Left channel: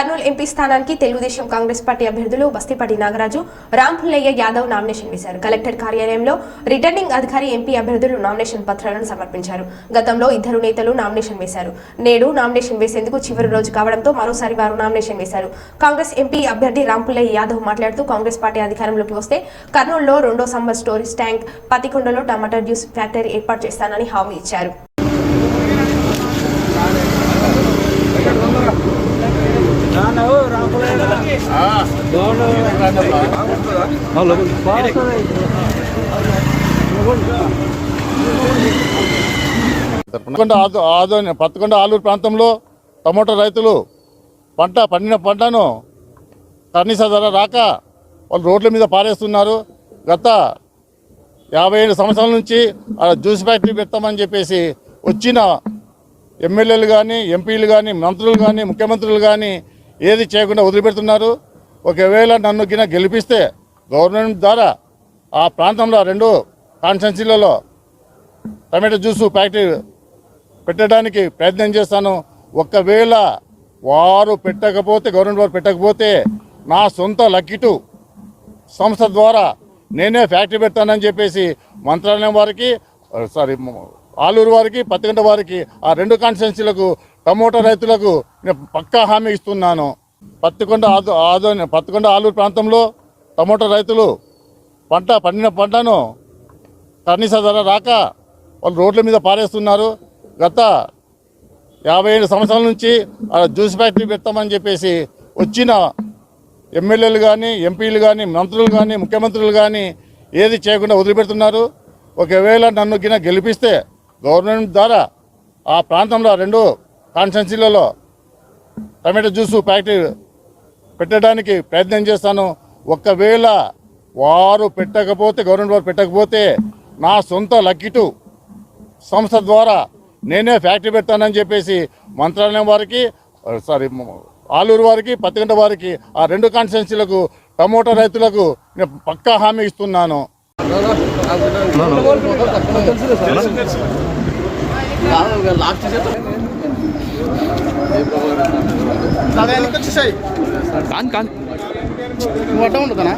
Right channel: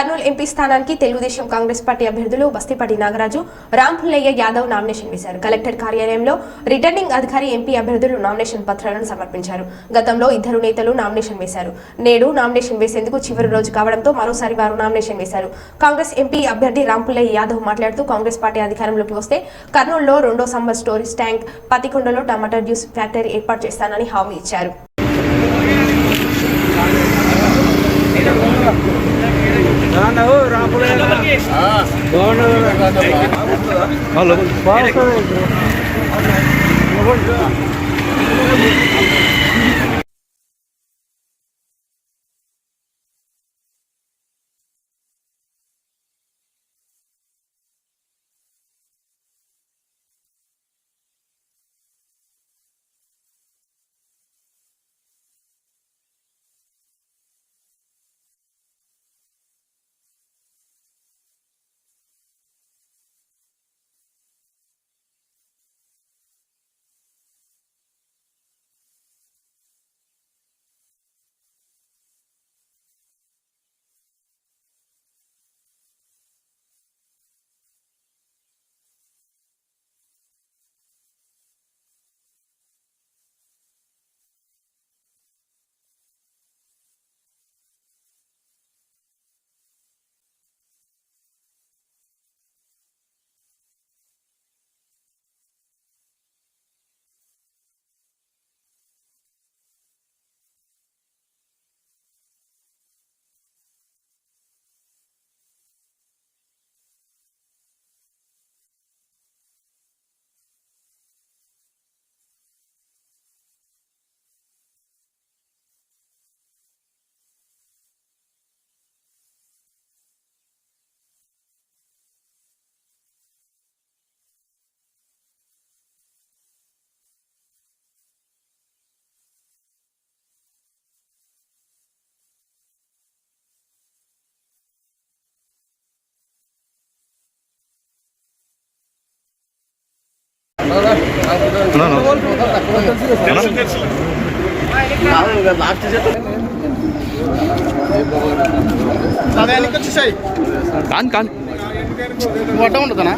Kurnool MP స్థానానికి Telugu Desam Congress party అభ్యర్థులు Bastipati Nagaraju Rampullaiah Yadav nomination వేశారు. కలెక్టర్ కార్యాలయంలో రిటర్నింగ్ అధికారి ఎంపీ అభ్యర్థులు నామినేషన్ పత్రాలను సమర్పించారు. గతంలో ఇద్దరు నేతలు నామినేషన్ వేశారు. నేడు నామినేషన్ వేసేందుకు చివరి రోజు కావడంతో మరోసారి వారు నామినేషన్ వేశారు. కాంగ్రెస్ ఎంపీ అభ్యర్థి రాంపుల్లయ్య యాదవ్ మాట్లాడుతూ కాంగ్రెస్ పార్టీ అధికారంలోకి వస్తే కర్నూలులో రెండో సమ్మర్ స్టోరీస్ ట్యాంక్ పతికొండలో టమాటా జ్యూస్ ఫ్యాక్టరీ ఏర్పాటు చేస్తానని హామీ ఇచ్చారు పత్తికొండ ఆదు ఆదోని పత్తికొండ ఆలూరు ప్రాంతంలో టమోటా రైతులు పంట పండిన పంటను కనీస ధర రాక వాళ్ళు రోడ్ల మీద పారేస్తున్నారు. గత యాభై ఏడు సంవత్సరాల నుంచి జ్యూస్ ఫ్యాక్టరీ పెడతామని చెప్పేసి వచ్చిన ఎమ్మెల్యేలు కానీ ఎంపీలు కానీ మంత్రులు కానీ ముఖ్యమంత్రులు కానీ ఏది చేయకుండా వదిలిపెడుతున్నారు? ఒకవేళ నన్ను గిన గెలిపిస్తే గవర్నమెంట్ ద్వారా ఆ ప్రాంతంలో రెండు కాన్స్టెన్సీలలో టమాటో జ్యూసు ఫ్యాక్టరీ పెట్టడానికి ప్రయత్నం చేస్తాను. ఒకవేళ వారు పెట్టకపోతే గవర్నమెంట్ వారు పెట్టకపోతే నా సొంత లక్కిటు సంస్థ ద్వారా నేనే ఫ్యాక్టరీ పెడతానని చెప్పేసి మంత్రాలయం వారికి సారీ ఆలూరు వారికి పత్తిగంట వారికి ఆ రెండు కాన్స్టిట్యున్సీలకు టమోటా రైతులకు నేను పక్కా హామీ ఇస్తున్నాను. పత్తికొండ ఆదో ఆదోని పత్తికొండ ఆలూరు ప్రాంతంలో టమోటా రైతులు పంట పండిన పంటను కనీస ధర రాక వాళ్ళు రోడ్ల మీద పారేస్తున్నారు. గత యాభై ఏడు సంవత్సరాల నుంచి జ్యూస్ ఫ్యాక్టరీ పెడతామని చెప్పేసి వచ్చిన ఎమ్మెల్యేలు కానీ ఎంపీలు కానీ మంత్రులు కానీ ముఖ్యమంత్రులు కానీ ఏది చేయకుండా వదిలిపెడుతున్నారు. ఒకవేళ నన్ను గిన గెలిపిస్తే గవర్నమెంట్ ద్వారా ఆ ప్రాంతంలో రెండు కాన్స్టెన్సీలలో టమాటో జ్యూసు ఫ్యాక్టరీ పెట్టడానికి ప్రయత్నం చేస్తాను. ఒకవేళ వారు పెట్టకపోతే గవర్నమెంట్ వారు పెట్టకపోతే నా సొంత లక్కిటు సంస్థ ద్వారా నేనే ఫ్యాక్టరీ పెడతానని చెప్పేసి మంత్రాలయం వారికి సారీ ఆలూరు వారికి పత్తిగంట వారికి ఆ రెండు కాన్స్టిట్యున్సీలకు టమోటా రైతులకు నేను పక్కా హామీ ఇస్తున్నాను. కాన్ కాన్. నువ్వు అడ్డం ఉండదునా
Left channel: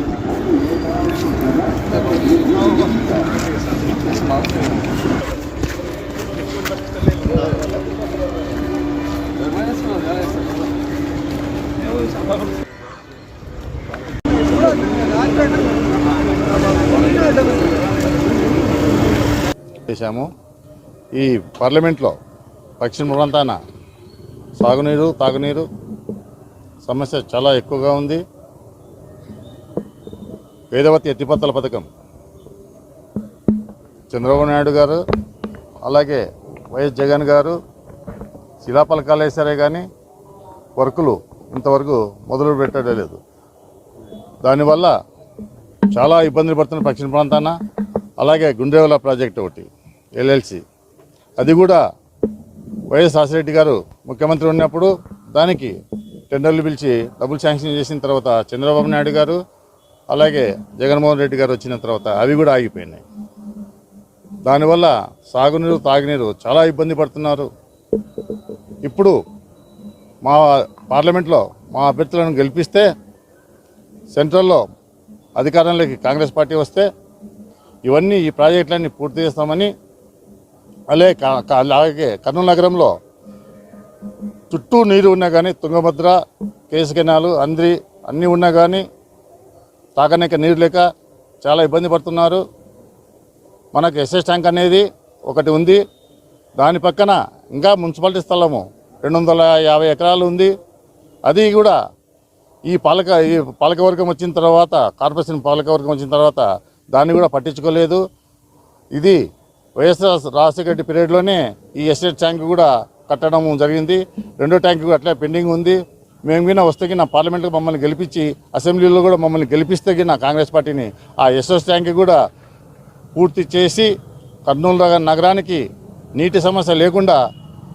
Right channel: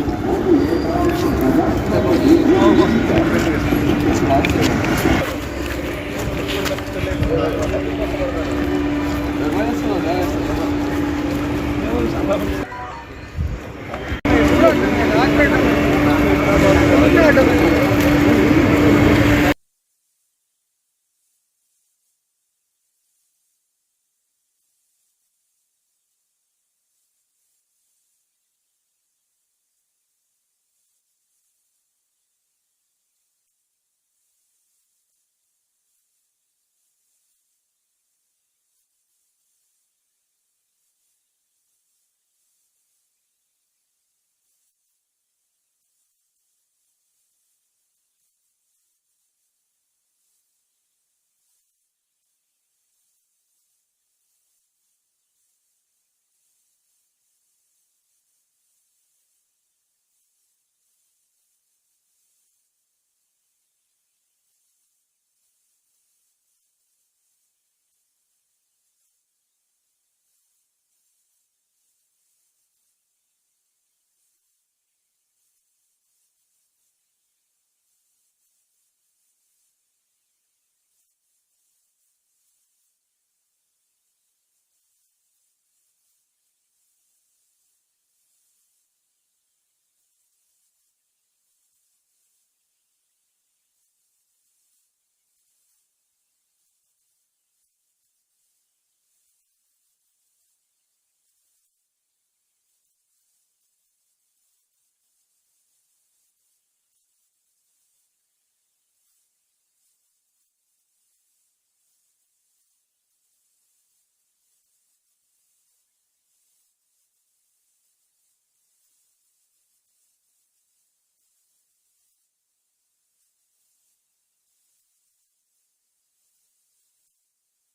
చేశాము. ఈ పార్లమెంట్లో పశ్చిమ ప్రాంతాన సాగునీరు తాగునీరు. సమస్య చాలా ఎక్కువగా ఉంది. వేదవతి ఎత్తిపత్తల పథకం. చంద్రబాబు నాయుడు గారు అలాగే వైఎస్ జగన్ గారు శిలాపలకాలు వేశారే కానీ వర్కులు ఇంతవరకు మొదలు పెట్టడం లేదు. దానివల్ల చాలా ఇబ్బందులు పడుతున్న పశ్చిమ ప్రాంతాన అలాగే గుండ్రేవల ప్రాజెక్ట్ ఒకటి ఎల్ఎల్సి. అది కూడా వైఎస్ రాజశేఖర గారు ముఖ్యమంత్రి ఉన్నప్పుడు దానికి టెండర్లు పిలిచి డబ్బులు శాంక్షన్ చేసిన తర్వాత చంద్రబాబు నాయుడు గారు అలాగే జగన్మోహన్ రెడ్డి గారు వచ్చిన తర్వాత అవి కూడా ఆగిపోయినాయి. దానివల్ల సాగునీరు తాగునీరు చాలా ఇబ్బంది పడుతున్నారు. ఇప్పుడు మా పార్లమెంట్లో మా అభ్యర్థులను గెలిపిస్తే సెంట్రల్లో అధికారంలోకి కాంగ్రెస్ పార్టీ వస్తే ఇవన్నీ ఈ ప్రాజెక్టులన్నీ పూర్తి చేస్తామని అలాగే కా- అలాగే కర్నూలు నగరంలో చుట్టూ నీరు ఉన్నా కానీ తుంగభద్ర కేసు కెనాలు అంద్రి అన్నీ ఉన్నా కానీ తాగనేక నీరు లేక చాలా ఇబ్బంది పడుతున్నారు. మనకు ఎస్ఎస్ ట్యాంక్ అనేది ఒకటి ఉంది. దాని పక్కన ఇంకా మున్సిపాలిటీ స్థలము రెండు వందల యాభై ఎకరాలు ఉంది. అది కూడా ఈ పాలక ఈ పాలకవర్గం వచ్చిన తర్వాత కార్పొరేషన్ పాలకవర్గం వచ్చిన తర్వాత దాన్ని కూడా పట్టించుకోలేదు. ఇది వైఎస్ఆర్ రాజశేఖర రెడ్డి పీరియడ్లోనే ఈ ఎస్టేట్ ట్యాంక్ కూడా కట్టడం జరిగింది. రెండో ట్యాంక్ కూడా అట్లే పెండింగ్ ఉంది. మేము గిన వస్తే కింద పార్లమెంట్లో మమ్మల్ని గెలిపించి అసెంబ్లీలో కూడా మమ్మల్ని గెలిపిస్తే కింద కాంగ్రెస్ పార్టీని ఆ ఎస్ఎస్ ట్యాంక్ కూడా పూర్తి చేసి కర్నూలు నగరానికి నీటి సమస్య లేకుండా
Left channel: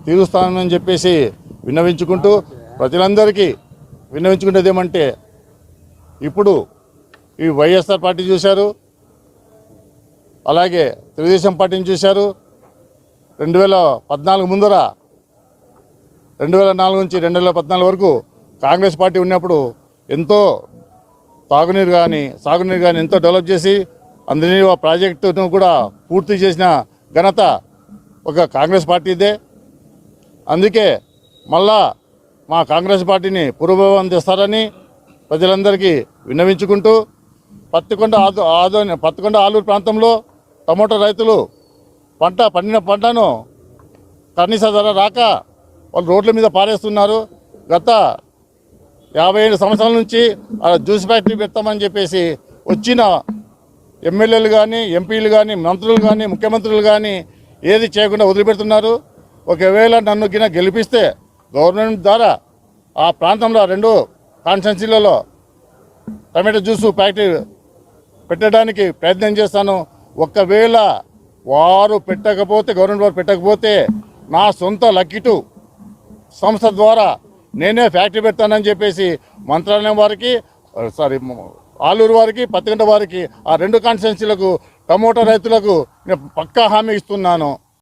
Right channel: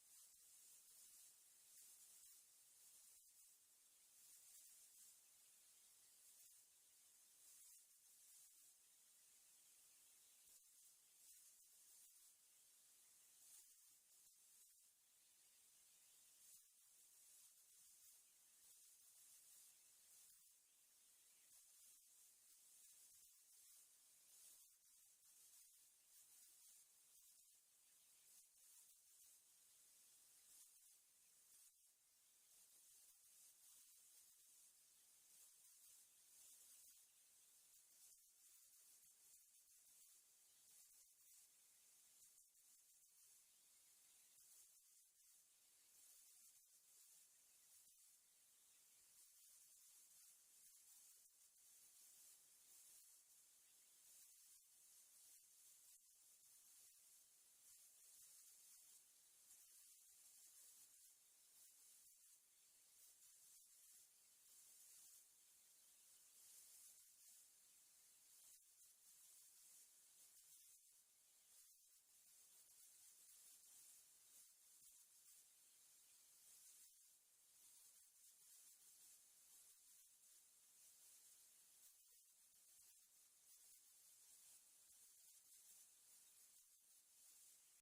తీరుస్తానని చెప్పేసి విన్నవించుకుంటూ ప్రజలందరికీ విన్నవించుకునేది ఏమంటే ఇప్పుడు ఈ వైఎస్ఆర్ పార్టీ చూశారు. అలాగే తెలుగుదేశం పార్టీని చూశారు. రెండు వేల పద్నాలుగు ముందర రెండు వేల నాలుగు నుంచి రెండు వేల పద్నాలుగు వరకు కాంగ్రెస్ పార్టీ ఉన్నప్పుడు ఎంతో తాగునీరు కానీ సాగునీరు కానీ ఎంతో డెవలప్ చేసి అందరినీ ఆ ప్రాజెక్టును కూడా పూర్తి చేసిన ఘనత ఒక కాంగ్రెస్ పార్టీదే. అందుకే మళ్ళా మా కాంగ్రెస్ పార్టీని పురోభవం తెస్తారని ప్రజలందరికీ విన్నవించుకుంటూ పత్తికొండ ఆదు ఆదో పత్తికొండ ఆలూరు ప్రాంతంలో టమోటా రైతులు పంట పండిన పంటను కనీస ధర రాక వాళ్ళు రోడ్ల మీద పారేస్తున్నారు. గత యాభై ఏడు సంవత్సరాల నుంచి ఆ జ్యూస్ ఫ్యాక్టరీ పెడతామని చెప్పేసి వచ్చిన ఎమ్మెల్యేలు కానీ ఎంపీలు కానీ మంత్రులు కానీ ముఖ్యమంత్రులు కానీ ఏది చేయకుండా వదిలిపెడుతున్నారు. ఒకవేళ నన్ను గిన గెలిపిస్తే గవర్నమెంట్ ద్వారా ఆ ప్రాంతంలో రెండు కాన్స్టెన్సీలలో టమాటో జ్యూస్ ఫ్యాక్టరీ పెట్టడానికి ప్రయత్నం చేస్తాను. ఒకవేళ వారు పెట్టకపోతే గవర్నమెంట్ వారు పెట్టకపోతే నా సొంత లక్కిటు సంస్థ ద్వారా నేనే ఫ్యాక్టరీ పెడతానని చెప్పేసి మంత్రాలయం వారికి సారీ ఆలూరు వారికి పత్తిగంట వారికి ఆ రెండు కాన్స్టిట్యున్సీలకు టమోటా రైతులకు నేను పక్కా హామీ ఇస్తున్నాను.